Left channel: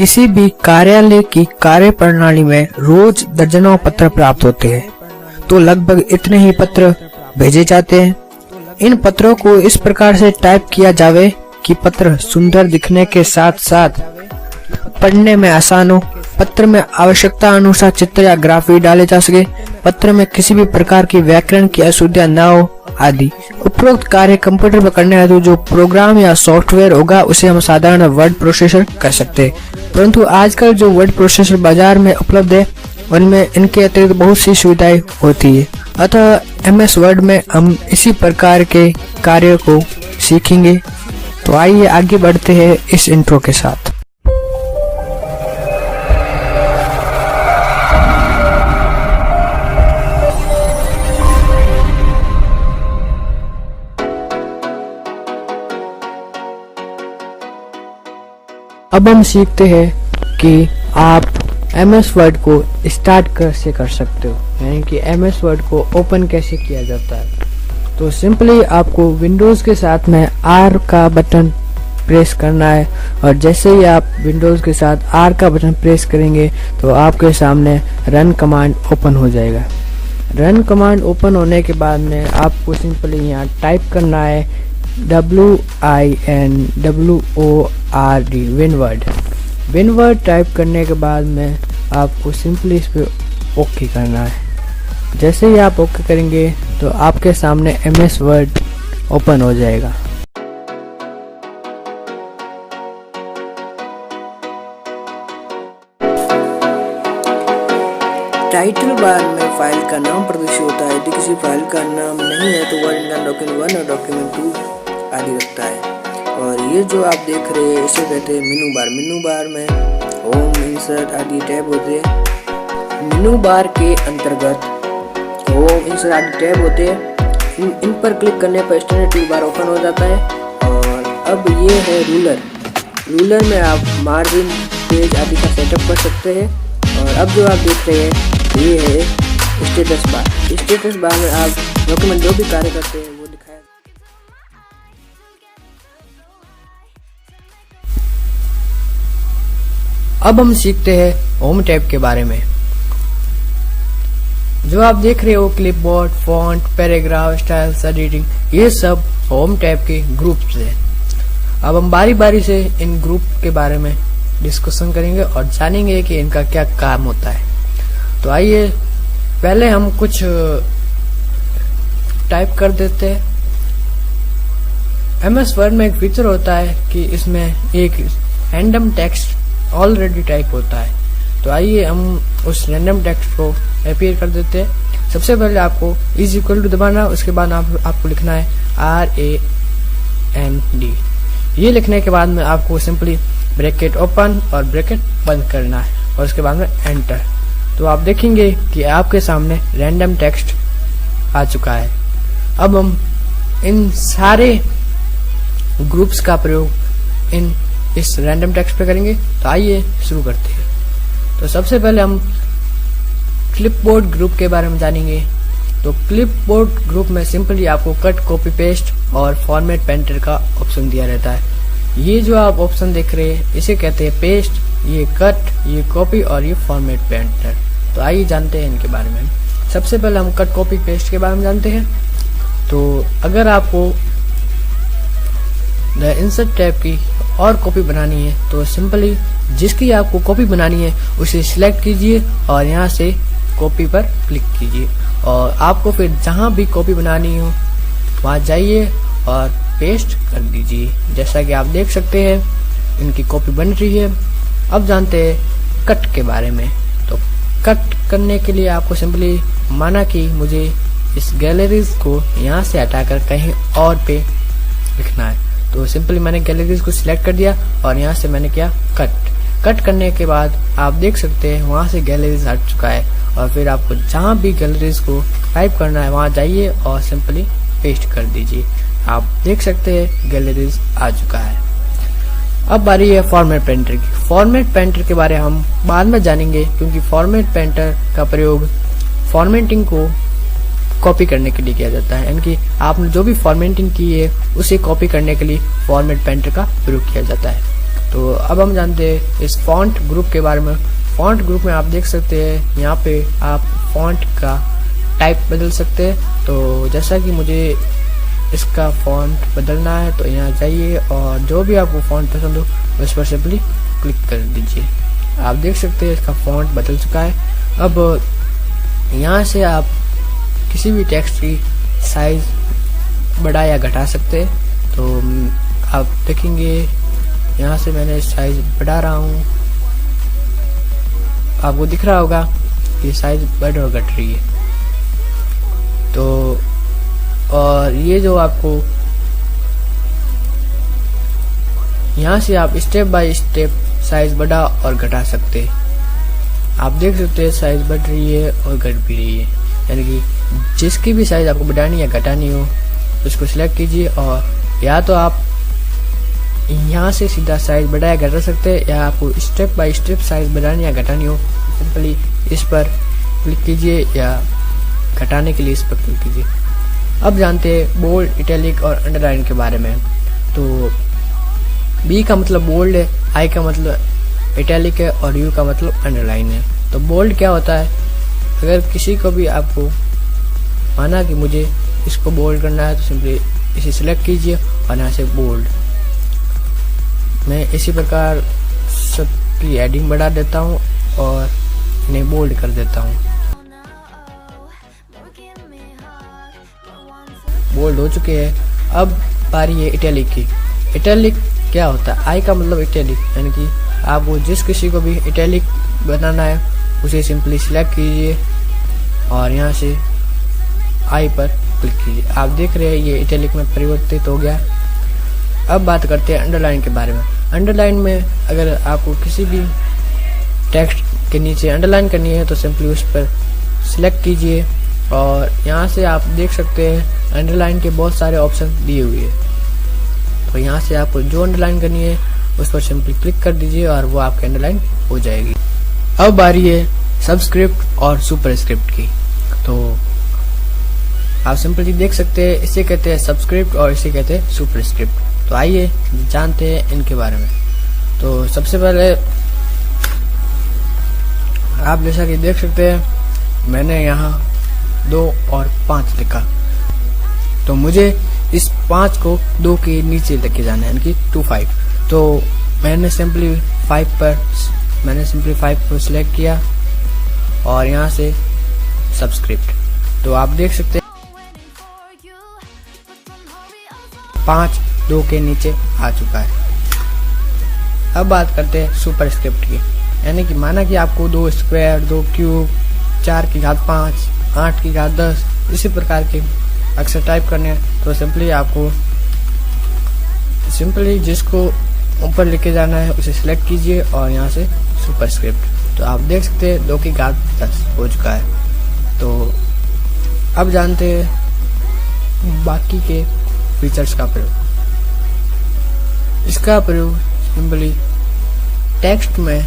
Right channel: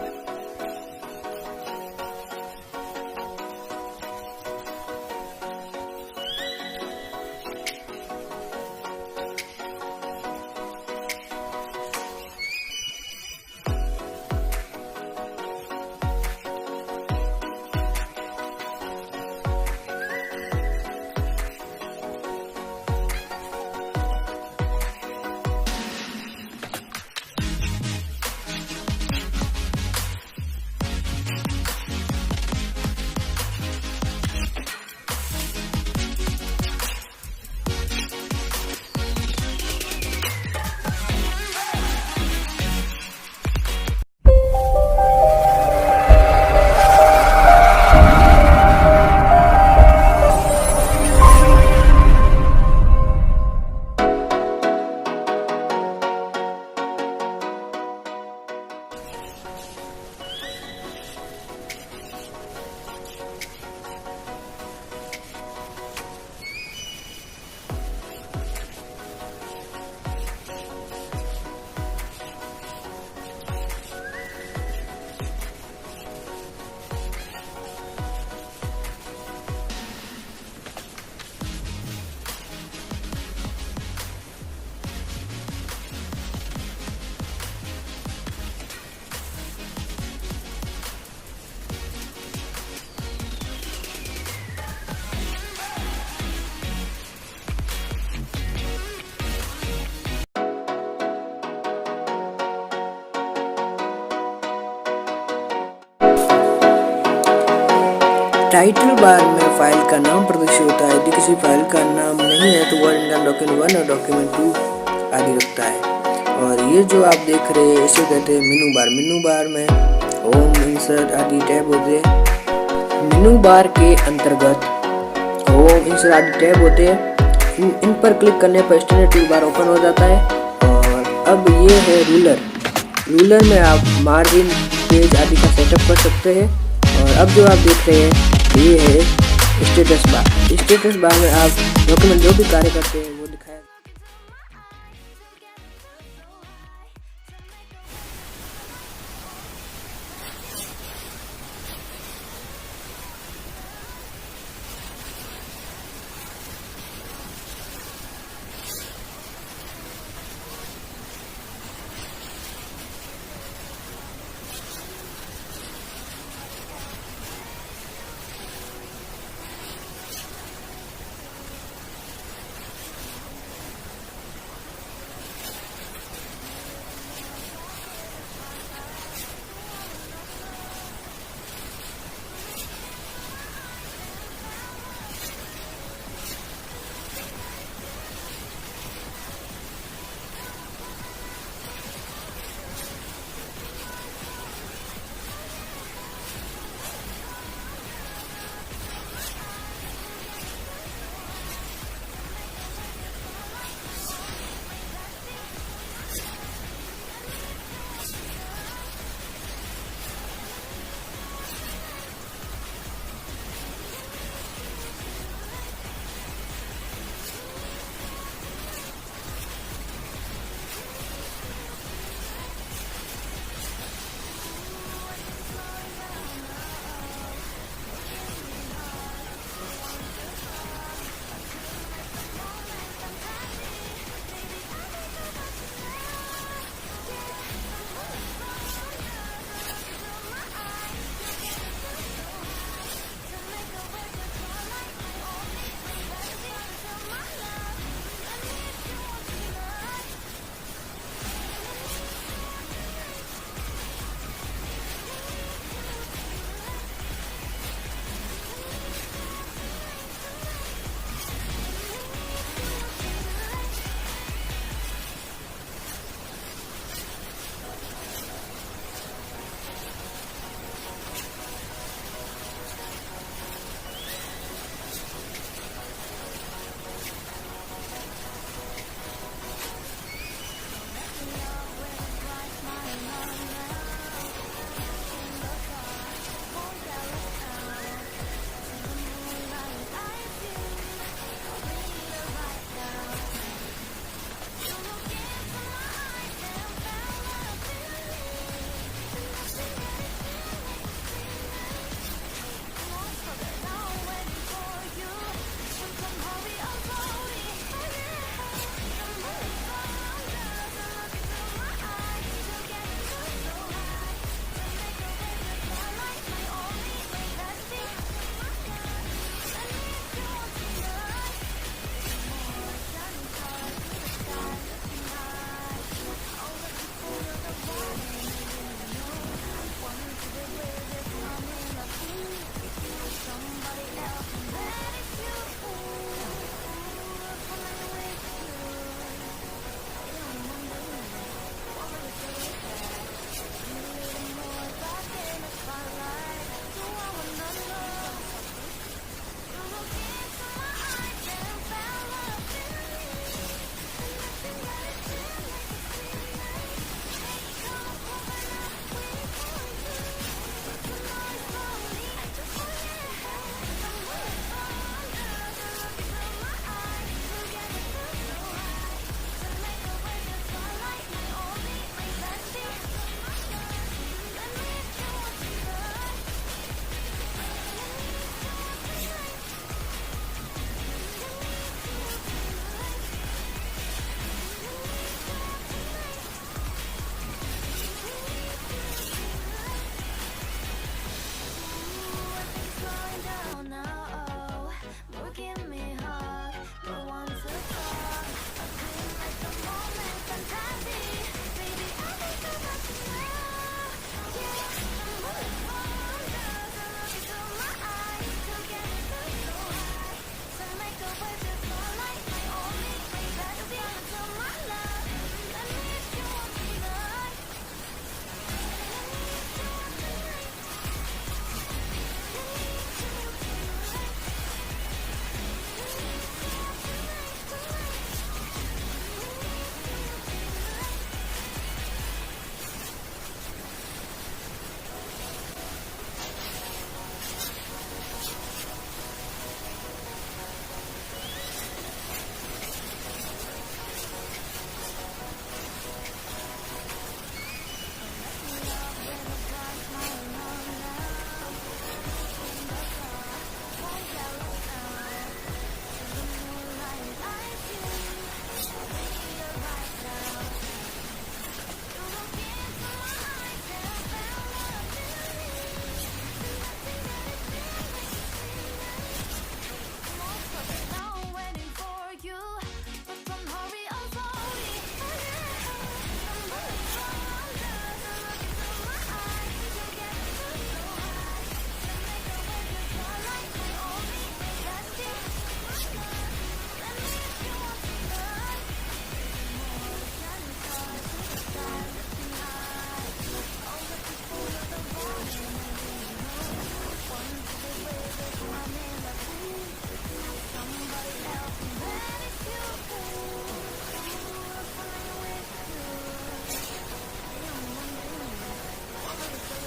किसी भी कार्यालय की कार्य प्रणाली में रोज दर्जनों पत्र प्राप्त होते हैं, तो लगभग इतने ही पत्र भेजे जाते हैं। इन पत्रों को इस प्रकार से टाइप किया जावे कि पत्र सुंदर दिखने के साथ साथ पढ़ने में आसान हो। पत्र में आवश्यकता अनुसार चित्र या ग्राफ भी डाले जा सके। पत्र में किसी भी प्रकार की व्याकरण की अशुद्धियां न हो आदि। उपरोक्त कार्य कंप्यूटर पर करने हेतु जो प्रोग्राम या सॉफ्टवेयर होगा उसे हम साधारण वर्ड प्रोसेसर कर सकते हैं, परंतु आजकल जो वर्ड प्रोसेसर बाजार में उपलब्ध है उनमें इनके अतिरिक्त बहुत सी सुविधाएं होती है। अतः MS वर्ड में हम इसी प्रकार के कार्य को सीखेंगे। तो आइए आगे बढ़ते हैं इस इंट्रो के साथ। अब हम सीखते हैं कि आप MS वर्ड को स्टार्ट कैसे कर सकते हो, यानी कि MS वर्ड को ओपन कैसे किया जाता है। तो सिंपली आपको विंडोज के साथ में R का बटन प्रेस करना है, और जैसे ही आप विंडोज के साथ R का बटन प्रेस करेंगे तो आपके सामने रन कमांड ओपन हो जाएगा। रन कमांड ओपन होने के बाद में आपको सिंपली यहाँ टाइप करना है WINWORD विनवर्ड। विनवर्ड टाइप करने के बाद में आपको सिंपली इस पर ओके करना है। जैसे ही आप ओके करेंगे तो आपके सामने MS वर्ड ओपन हो जाएगा। टाइटल बार में फाइल का नाम प्रदर्शित होता है। यदि किसी फाइल का नाम नहीं है तो वर्ड इनका डॉक्यूमेंट 1 और डॉक्यूमेंट 2 आदि रखता है। और ये जो आप देख रहे हैं इसे कहते हैं मेनू बार। मेनू बार में होम, इंसर्ट आदि टैब होते हैं। मेनू बार के अंतर्गत होम, इंसर्ट आदि टैब होते हैं। इन पर क्लिक करने पर स्टैंडर्ड टूल बार ओपन हो जाता है। और अब ये है रूलर। रूलर में आप मार्जिन, पेज आदि का सेटअप कर सकते हैं। और अब जो आप देख रहे हैं ये है स्टेटस बार। स्टेटस बार में आप डॉक्यूमेंट जो भी कार्य करते हैं वो दिखाया। अब हम सीखते हैं होम टैब के बारे में। जो आप देख रहे हो clipboard, font, paragraph, styles, editing, ये सब होम टैब के ग्रुप्स हैं। अब हम बारी बारी से इन ग्रुप के बारे में डिस्कशन करेंगे और जानेंगे कि इनका क्या काम होता है। तो आइए पहले हम कुछ टाइप कर देते हैं। MS वर्ड में एक फीचर होता है कि इसमें एक रैंडम टेक्स्ट ऑलरेडी टाइप होता है। तो आइए हम उस रैंडम टेक्स्ट को अपीयर कर देते हैं। सबसे पहले आपको इज इक्वल टू दबाना, उसके बाद आपको लिखना है RAND। ये लिखने के बाद में आपको सिंपली ब्रैकेट ओपन और ब्रैकेट बंद करना है और उसके बाद में एंटर। तो आप देखेंगे कि आपके सामने रैंडम टेक्स्ट आ चुका है। अब हम इन सारे ग्रुप्स का प्रयोग इस रैंडम टेक्स्ट पे करेंगे। तो आइए शुरू करते हैं। तो सबसे पहले हम क्लिपबोर्ड ग्रुप के बारे में जानेंगे। तो क्लिपबोर्ड ग्रुप में सिंपली आपको कट, कॉपी, पेस्ट और फॉर्मेट पेंटर का ऑप्शन दिया रहता है। ये जो आप ऑप्शन देख रहे हैं इसे कहते हैं पेस्ट, ये कट, ये कॉपी और ये फॉर्मेट पेंटर। तो आइए जानते हैं इनके बारे में। सबसे पहले हम कट, कॉपी, पेस्ट के बारे में जानते हैं। तो अगर आपको द इंसर्ट टैब की और कॉपी बनानी है तो सिंपली जिसकी आपको कॉपी बनानी है उसे सिलेक्ट कीजिए और यहाँ से कॉपी पर क्लिक कीजिए। और आपको फिर जहाँ भी कॉपी बनानी हो वहाँ जाइए और पेस्ट कर दीजिए। जैसा कि आप देख सकते हैं इनकी कॉपी बन रही है। अब जानते हैं कट के बारे में। तो कट करने के लिए आपको सिंपली माना कि मुझे इस गैलरीज को यहाँ से हटाकर कहीं और पे लिखना है, तो सिंपली मैंने गैलरीज को सिलेक्ट कर दिया और यहाँ से मैंने किया कट। कट करने के बाद आप देख सकते हैं वहाँ से गैलरीज हट चुका है। और फिर आपको जहाँ भी गैलरीज को टाइप करना है वहाँ जाइए और सिंपली पेस्ट कर दीजिए। आप देख सकते हैं गैलरीज आ चुका है। अब बारी है फॉर्मेट पेंटर की। फॉर्मेट पेंटर के बारे में हम बाद में जानेंगे, क्योंकि फॉर्मेट पेंटर का प्रयोग फॉर्मेटिंग को कॉपी करने के लिए किया जाता है। यानी कि आपने जो भी फॉर्मेटिंग की है उसे कॉपी करने के लिए फॉर्मेट पेंटर का प्रयोग किया जाता है। तो अब हम जानते हैं इस फॉन्ट ग्रुप के बारे में। फॉन्ट ग्रुप में आप देख सकते हैं यहाँ पे आप फॉन्ट का टाइप बदल सकते हैं। तो जैसा कि मुझे इसका फॉन्ट बदलना है तो यहाँ जाइए और जो भी आपको फॉन्ट पसंद हो उस पर सिंपली क्लिक कर दीजिए। आप देख सकते हैं इसका फॉन्ट बदल चुका है। अब यहाँ से आप किसी भी टेक्स्ट की साइज बढ़ा या घटा सकते हैं। तो आप देखेंगे यहाँ से मैंने साइज बढ़ा रहा हूँ, आपको दिख रहा होगा कि साइज बढ़ और घट रही है। तो और ये जो आपको यहाँ से आप स्टेप बाय स्टेप साइज बढ़ा और घटा सकते हैं। आप देख सकते हैं साइज बढ़ रही है और घट भी रही है, यानी कि जिसकी भी साइज आपको बढ़ानी या घटानी हो उसको सिलेक्ट कीजिए और या तो आप यहाँ से सीधा साइज बढ़ाया घटा सकते हैं, या आपको स्टेप बाय स्टेप साइज बढ़ानी या घटानी हो सिंपली इस पर क्लिक कीजिए या घटाने के लिए इस पर क्लिक कीजिए। अब जानते हैं बोल्ड, इटैलिक और अंडरलाइन के बारे में। तो बी का मतलब बोल्ड है, आई का मतलब इटैलिक है और यू का मतलब अंडरलाइन है। तो बोल्ड क्या होता है, अगर किसी को भी आपको माना कि मुझे इसको बोल्ड करना है तो सिंपली इसे सिलेक्ट कीजिए और यहाँ से बोल्ड। मैं इसी प्रकार सबकी हेडिंग बढ़ा देता हूँ और इन्हें बोल्ड कर देता हूँ। बोल्ड हो चुके हैं। अब बारी है इटैलिक की। इटैलिक क्या होता है, आई का मतलब इटैलिक, यानी कि आपको जिस किसी को भी इटैलिक बनाना है उसे सिंपली सिलेक्ट कीजिए और यहाँ से आई पर क्लिक कीजिए। आप देख रहे हैं ये इटैलिक में परिवर्तित हो गया। अब बात करते हैं अंडरलाइन के बारे में। अंडरलाइन में अगर आपको किसी भी टेक्स्ट के नीचे अंडरलाइन करनी है तो सिंपली उस पर सिलेक्ट कीजिए और यहाँ से आप देख सकते हैं अंडरलाइन के बहुत सारे ऑप्शन दिए हुए हैं। तो यहाँ से आपको जो अंडरलाइन करनी है उस पर सिंपली क्लिक कर दीजिए और वो आपके अंडरलाइन हो जाएगी। अब बारी है सबस्क्रिप्ट और सुपरस्क्रिप्ट की। तो आप सिंपली देख सकते हैं इसे कहते हैं सबस्क्रिप्ट और इसे कहते हैं सुपरस्क्रिप्ट। तो आइए जानते हैं इनके बारे में। तो सबसे पहले आप जैसा कि देख सकते हैं मैंने यहाँ 2 और 5 लिखा, तो मुझे इस 5 को 2 के नीचे लेके जाना है, यानी कि 2 5। तो मैंने सिंपली 5 को सिलेक्ट किया और यहाँ से सबस्क्रिप्ट। तो आप देख सकते हैं 5 2 के नीचे आ चुका है। अब बात करते हैं सुपरस्क्रिप्ट की, यानी कि माना कि आपको 2 स्क्वायर, 2 क्यूब, 4 की घात 5, 8 की घात 10 इसी प्रकार के अक्षर टाइप करने हैं। तो सिंपली जिसको ऊपर लेके जाना है उसे सिलेक्ट कीजिए और यहाँ से सुपरस्क्रिप्ट। तो आप देख सकते हैं 2 की घात 10 हो चुका है। तो अब जानते हैं बाकी के फीचर्स का प्रयोग। इसका प्रयोग सिंपली टेक्स्ट में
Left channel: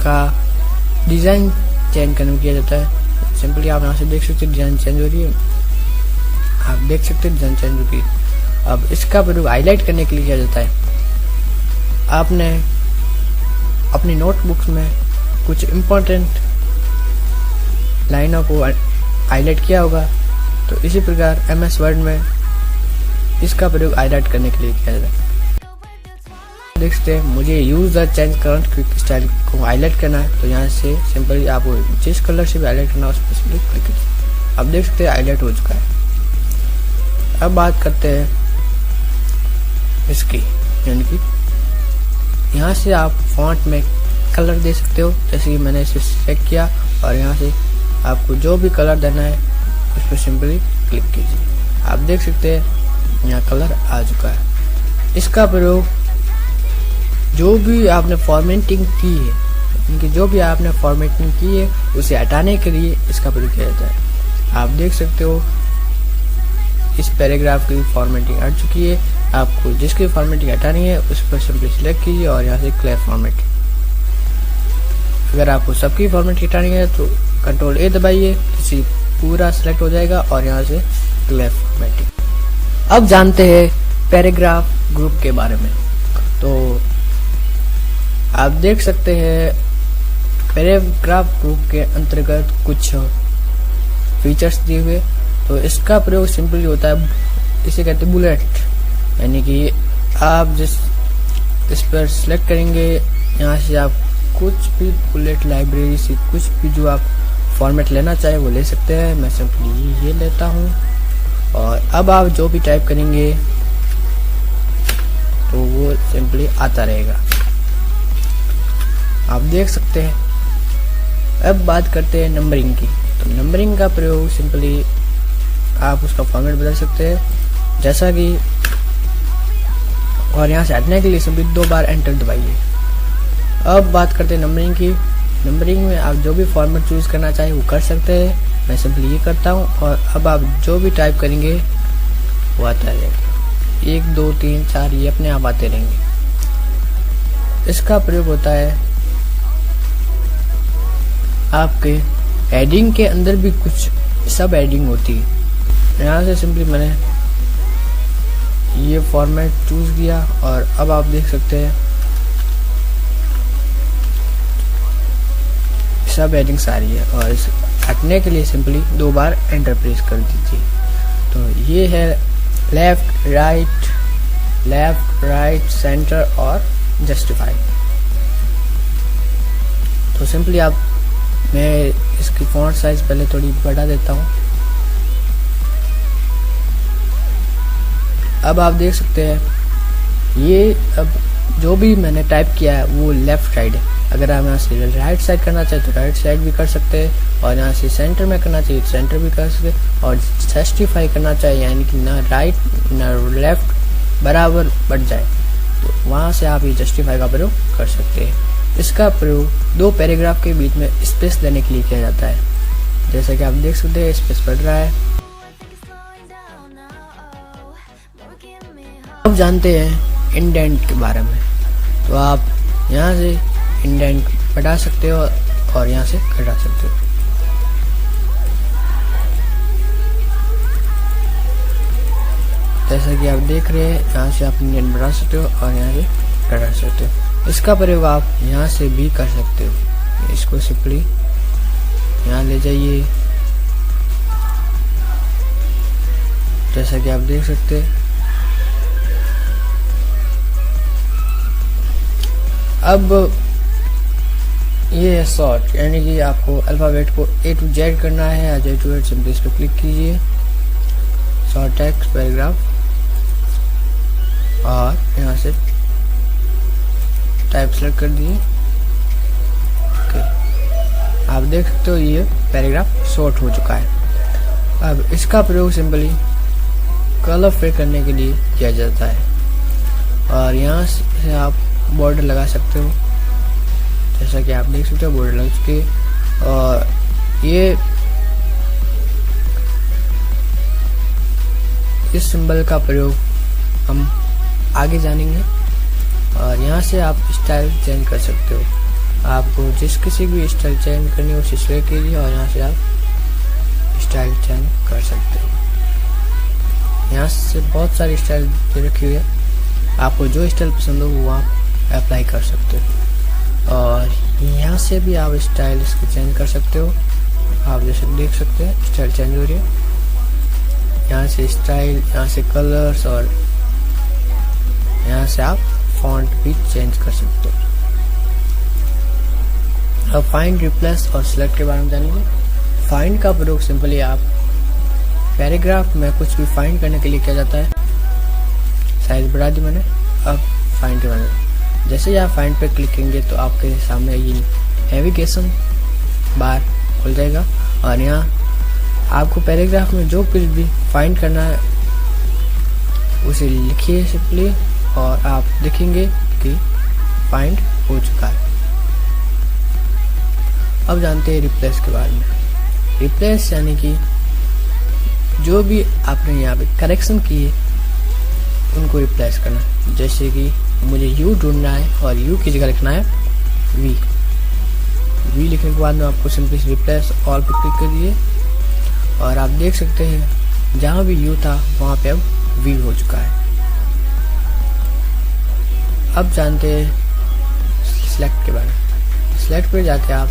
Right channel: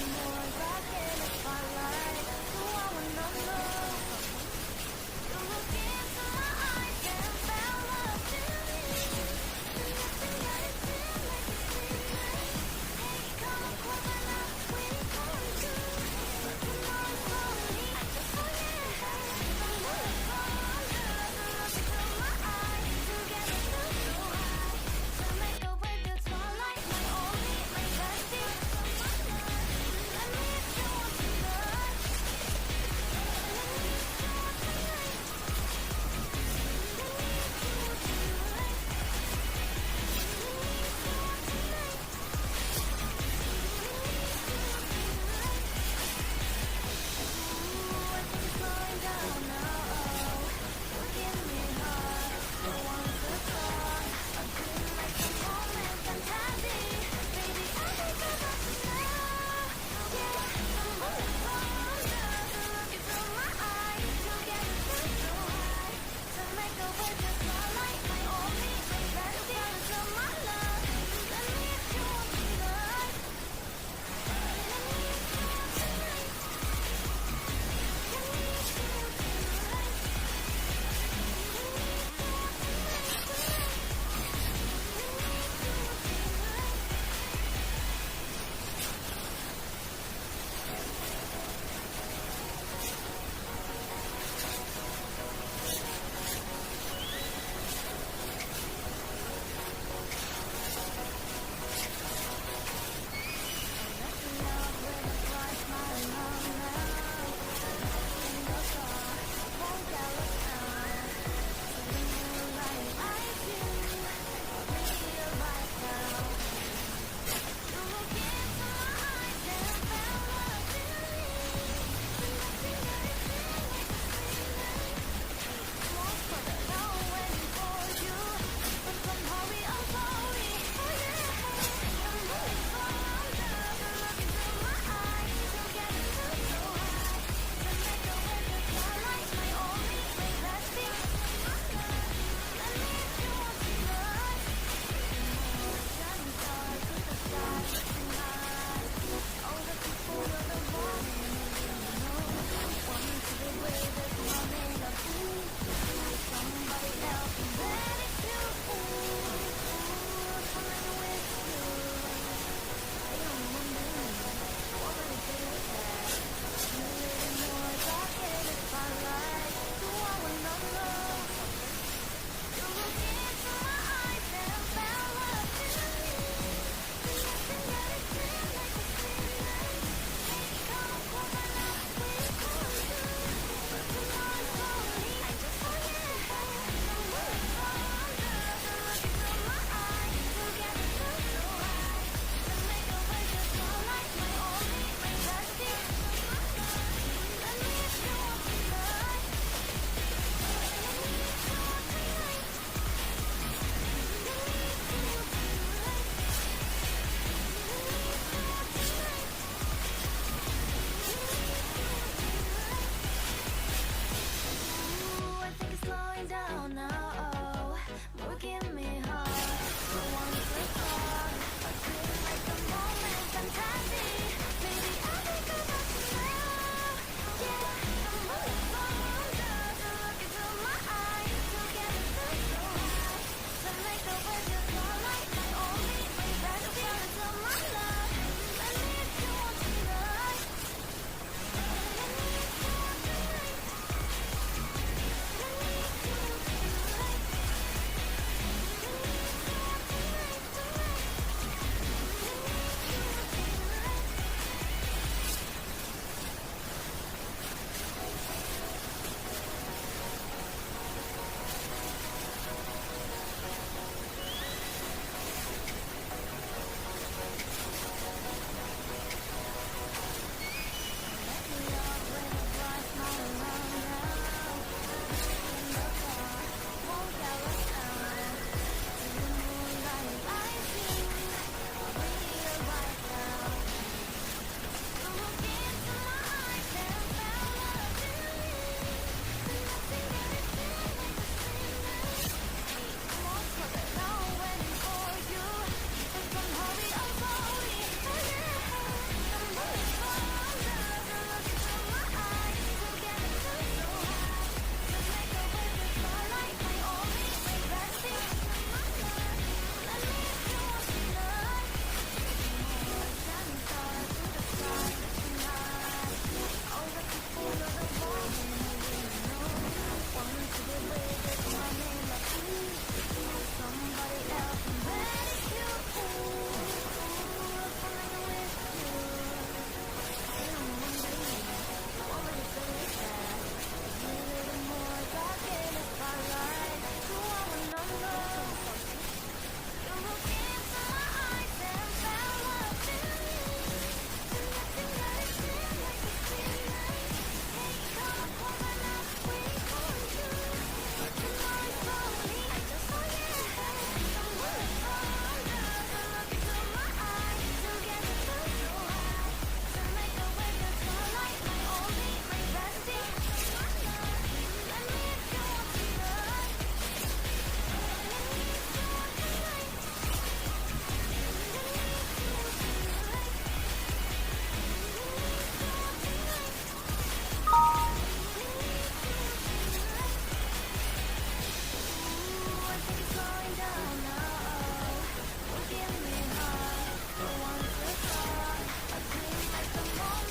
का डिजाइन चेंज करने किया जाता है। सिंपली आप यहाँ से देख सकते हैं डिजाइन चेंज हो रही है, आप देख सकते हैं डिजाइन चेंज हो रही है। अब इसका प्रयोग हाईलाइट करने के लिए किया जाता है। आपने अपनी नोटबुक्स में कुछ इम्पोर्टेंट लाइनों को हाईलाइट किया होगा, तो इसी प्रकार MS वर्ड में इसका प्रयोग हाईलाइट करने के लिए किया जाता है। देख सकते हैं मुझे use the change current quick style को हाईलाइट करना है, तो यहाँ से सिंपली आपको जिस कलर से भी हाईलाइट करना है उस पर क्लिक कीजिए। अब देख सकते हैं हाईलाइट हो चुका है। अब बात करते हैं इसकी, यानी कि यहाँ से आप फॉन्ट में कलर दे सकते हो। जैसे कि मैंने इसे सेलेक्ट किया और यहाँ से आपको जो भी कलर देना है उस पर सिंपली क्लिक कीजिए। आप देख सकते हैं यहाँ कलर आ चुका है। इसका प्रयोग जो भी आपने फॉर्मेटिंग की है, इनकी जो भी आपने फॉर्मेटिंग की है उसे हटाने के लिए इसका प्रयोग किया जाता है। आप देख सकते हो इस पैराग्राफ की फॉर्मेटिंग हट चुकी है। आपको जिसकी फॉर्मेटिंग हटानी है उस पर सिंपली सिलेक्ट कीजिए और यहाँ से क्लियर फॉर्मेटिंग। अगर आपको सबकी फॉर्मेटिंग हटानी है तो Ctrl A दबाइए, इसी पूरा सिलेक्ट हो जाएगा और यहाँ से क्लियर फॉर्मेटिंग। अब जानते हैं पैराग्राफ ग्रुप के बारे में। तो आप देख सकते हैं पैराग्राफ ग्रुप के अंतर्गत कुछ फीचर्स दिए हुए। तो इसका प्रयोग सिंपली होता है, इसे कहते हैं बुलेट, यानी कि आप इस पर सिलेक्ट करेंगे, यहाँ से आप कुछ भी बुलेट लाइब्रेरी से कुछ भी जो आप फॉर्मेट लेना चाहे वो ले सकते हैं। मैं सिंपली ये लेता हूँ और अब आप जो भी टाइप करेंगे तो वो सिंपली आता रहेगा, आप देख सकते हैं। अब बात करते हैं नंबरिंग की। तो नंबरिंग का प्रयोग सिंपली आप उसका फॉर्मेट बदल सकते हैं, जैसा कि, और यहाँ से हटने के लिए सिंपली 2 बार एंटर दबाइए। अब बात करते हैं नंबरिंग की। नंबरिंग में आप जो भी फॉर्मेट चूज करना चाहे वो कर सकते हैं। मैं सिंपली ये करता हूँ और अब आप जो भी टाइप करेंगे वो आता रहेगा। 1 2 3 4 ये अपने आप आते रहेंगे। इसका प्रयोग होता है आपके हेडिंग के अंदर भी कुछ सब हेडिंग होती है। यहाँ से सिंपली मैंने ये फॉर्मेट चूज किया और अब आप देख सकते हैं सब हेडिंग सारी है, और इस हटने के लिए सिंपली 2 बार एंटर प्रेस कर दीजिए। तो ये है लेफ्ट राइट सेंटर और जस्टिफाई। तो सिंपली आप, मैं इसकी फॉन्ट साइज पहले थोड़ी बढ़ा देता हूँ। अब आप देख सकते हैं ये अब जो भी मैंने टाइप किया है वो लेफ्ट साइड है। अगर आप यहाँ से राइट साइड करना चाहे तो राइट साइड भी कर सकते हैं, और यहाँ से सेंटर में करना चाहिए सेंटर भी कर सकते हैं, और जस्टिफाई करना चाहिए यानी कि ना राइट ना लेफ्ट बराबर बढ़ जाए, तो वहाँ से आप ये जस्टिफाई का प्रयोग कर सकते हैं। इसका प्रयोग 2 पैराग्राफ के बीच में स्पेस देने के लिए किया जाता है, जैसा कि आप देख सकते हैं स्पेस बढ़ रहा है। अब जानते हैं इंडेंट के बारे में। तो आप यहाँ से इंडेंट बढ़ा सकते हो और यहाँ से घटा सकते हो। जैसा कि आप देख रहे हैं यहाँ से आप इंडेंट बढ़ा सकते हो और यहाँ से घटा सकते हो। इसका प्रयोग आप यहाँ से भी कर सकते हो। इसको सिंपली यहाँ ले जाइए, जैसा कि आप देख सकते हैं। अब ये है सॉर्ट, यानी कि आपको अल्फाबेट को A to Z करना है, या Z to Z सिंपली इस पर क्लिक कीजिए, शॉर्ट टेक्स्ट पैराग्राफ, और यहाँ से टाइप सेलेक्ट कर दिए। आप देख सकते हो ये पैराग्राफ शॉर्ट हो चुका है। अब इसका प्रयोग सिंपली कलर फिल करने के लिए किया जाता है, और यहाँ से आप बॉर्डर लगा सकते हो, जैसा कि आप देख सकते हो बॉर्डर लग चुकी है। और ये इस सिंबल का प्रयोग हम आगे जानेंगे, और यहाँ से आप स्टाइल चेंज कर सकते हो। आपको जिस किसी भी स्टाइल चेंज करनी हो उसे सिलेक्ट कीजिए और यहाँ से आप स्टाइल चेंज कर सकते हो। यहाँ से बहुत सारी स्टाइल रखी हुई है, आपको जो स्टाइल पसंद हो वो आप अप्लाई कर सकते हो, और यहाँ से भी आप स्टाइल इसको चेंज कर सकते हो। आप जैसे देख सकते हैं स्टाइल चेंज हो रही है, यहाँ से स्टाइल, यहाँ से कलर्स, और यहाँ से आप फॉन्ट भी चेंज कर सकते हो। अब फाइंड, रिप्लेस और सिलेक्ट के बारे में जानेंगे। फाइंड का प्रयोग सिंपली आप पैराग्राफ में कुछ भी फाइंड करने के लिए किया जाता है। साइज बढ़ा दी मैंने। अब फाइंड करना, जैसे ही आप फाइंड पे क्लिक करेंगे तो आपके सामने ये नेविगेशन बार खुल जाएगा, और यहाँ आपको पैराग्राफ में जो कुछ भी फाइंड करना है उसे लिखिए सिंपली, और आप देखेंगे कि फाइंड हो चुका है। अब जानते हैं रिप्लेस के बारे में। रिप्लेस यानी कि जो भी आपने यहाँ पे करेक्शन किए उनको रिप्लेस करना। जैसे कि मुझे यू ढूंढना है और यू की जगह लिखना है वी। वी लिखने के बाद में आपको सिंपली रिप्लेस ऑल पर क्लिक करिए, और आप देख सकते हैं जहाँ भी यू था वहाँ पे अब वी हो चुका है। अब जानते हैं सिलेक्ट के बारे में। सिलेक्ट पे जाके आप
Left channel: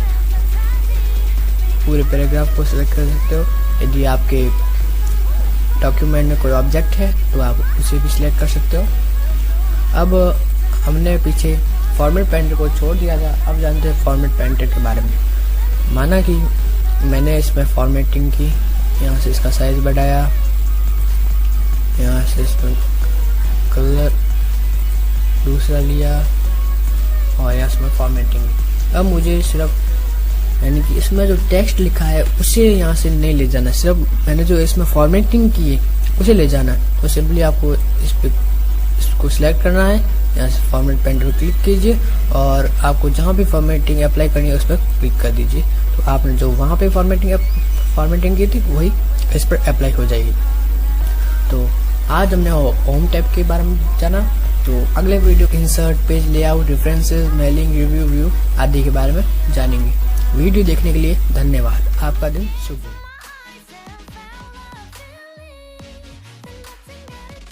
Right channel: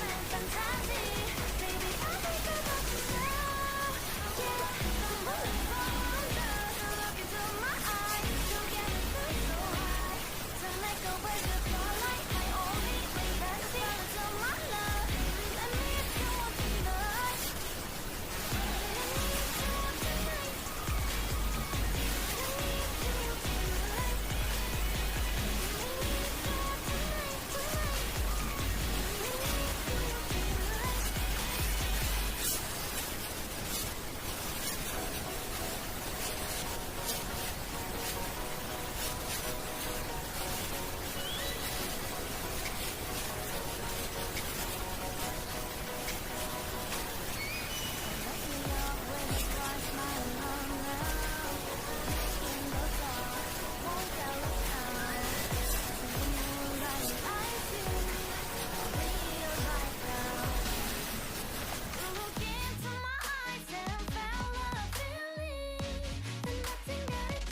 पूरे पैराग्राफ को सिलेक्ट कर सकते हो। यदि आपके डॉक्यूमेंट में कोई ऑब्जेक्ट है तो आप उसे भी सिलेक्ट कर सकते हो। अब हमने पीछे फॉर्मेट पेंटर को छोड़ दिया था, अब जानते हैं फॉर्मेट पेंटर के बारे में। माना कि मैंने इसमें फॉर्मेटिंग की, यहाँ से इसका साइज बढ़ाया, यहाँ से इसमें कलर दूसरा लिया और यहाँ से फॉर्मेटिंग। अब मुझे सिर्फ यानी कि इसमें जो टेक्स्ट लिखा है उसे यहाँ से नहीं ले जाना, सिर्फ मैंने जो इसमें फॉर्मेटिंग की है उसे ले जाना। तो सिंपली आपको इसको सिलेक्ट करना है, यहाँ से फॉर्मेट पेंटर को क्लिक कीजिए और आपको जहाँ भी फॉर्मेटिंग अप्लाई करनी है उस पर क्लिक कर दीजिए। तो आपने जो वहाँ पे फॉर्मेटिंग की थी वही इस पर अप्लाई हो जाएगी। तो आज हमने होम टैब के बारे में जाना। तो अगले video insert, page layout, references, mailing, review, view आदि के बारे में जानेंगे। वीडियो देखने के लिए धन्यवाद। आपका दिन शुभ हो।